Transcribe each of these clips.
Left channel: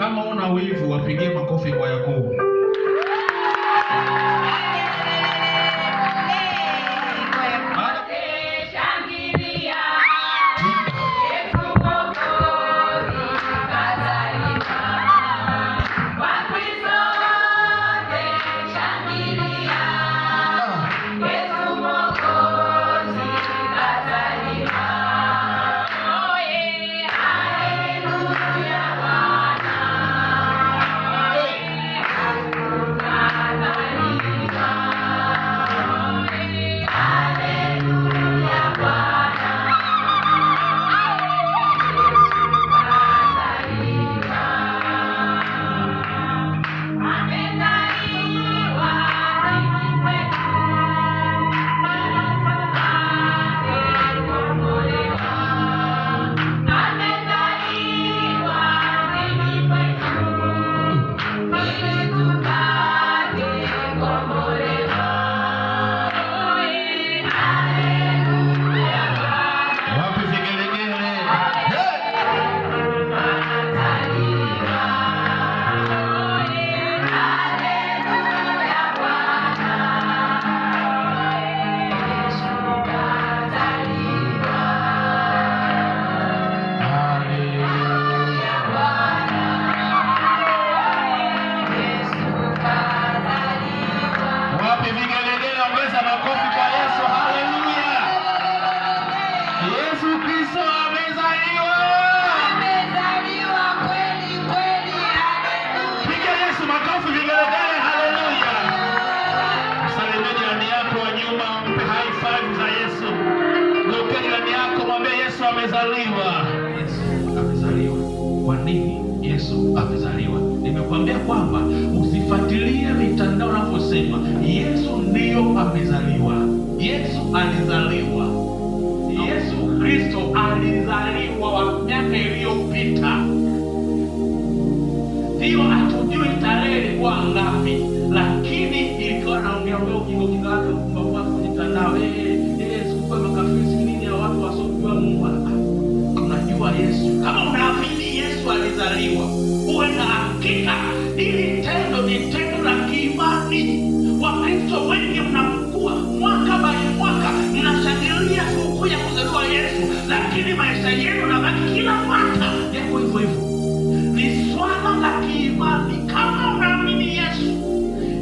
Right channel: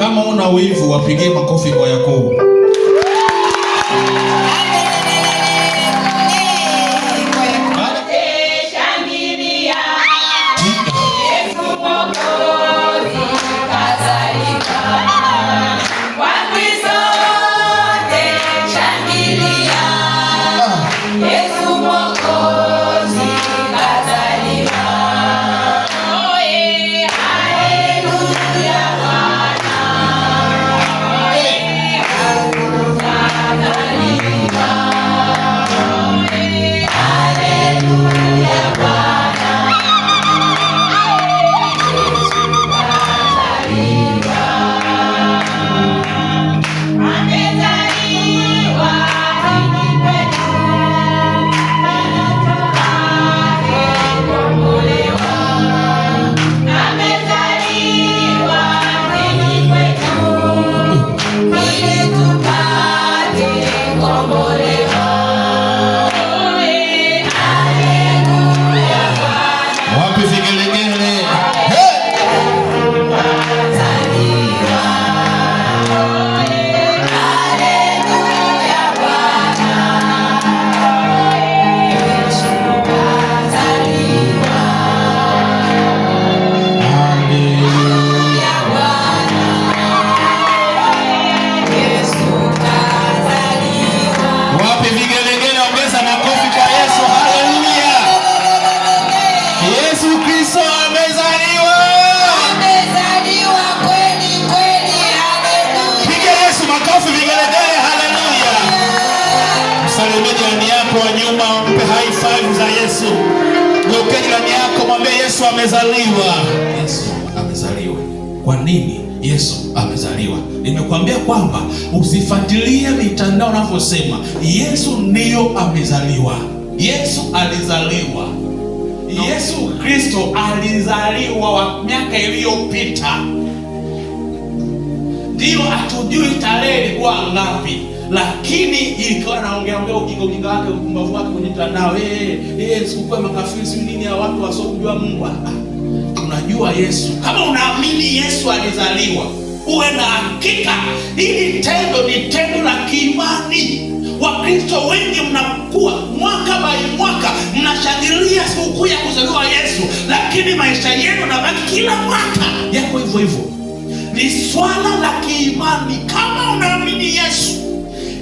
Kama una wivu wapigie makofi kwa Yakobo. Jirani yako mwambie Yesu amezaliwa. Yesu amezaliwa. Kwa nini Yesu amezaliwa? Nimekuambia kwamba usifuatilie mitandao unavyosema. Yesu ndiyo amezaliwa. Yesu alizaliwa. Yesu Kristo alizaliwa miaka iliyopita. Ndio hatujui tarehe ilikuwa ngapi, lakini ilikuwa naongea ujinga wake upumbavu wake kwenye mtandao. Sikukua makafiri nini ya watu wasiojua Mungu. Tunajua Yesu. Kama unaamini Yesu alizaliwa, uwe na hakika hili tendo ni tendo la kiimani. Wakristo wengi mnakuwa mwaka by mwaka mnashangilia sikukuu ya kuzaliwa Yesu, lakini maisha yenu yanabaki kila mwaka yako hivyo hivyo. Ni swala la kiimani. Kama unaamini Yesu,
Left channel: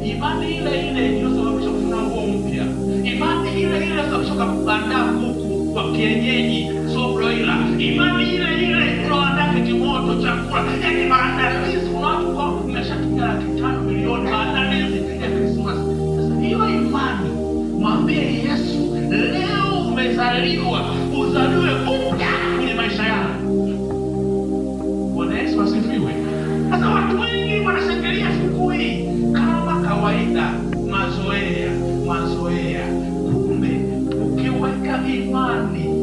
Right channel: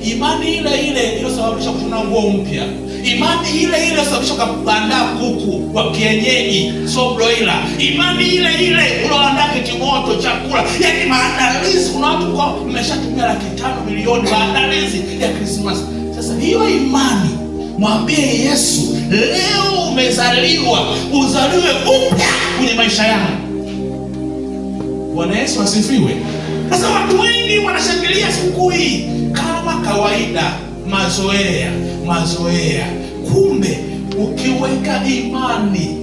imani ile ile iliyosababisha kushona nguo mpya, imani ile ile iliyosababisha kuandaa kuku wa kienyeji so broiler, imani ile ile unaandaa kitimoto chakula, yani maandalizi. Kuna watu kwa mmeshatumia 5 milioni maandalizi ya Christmas. Sasa hiyo imani, mwambie Yesu, leo umezaliwa, uzaliwe upya kwenye maisha yako. Bwana Yesu asifiwe. Sasa watu wengi wanashangilia siku hii kama kawaida, mazoea. Kumbe ukiweka imani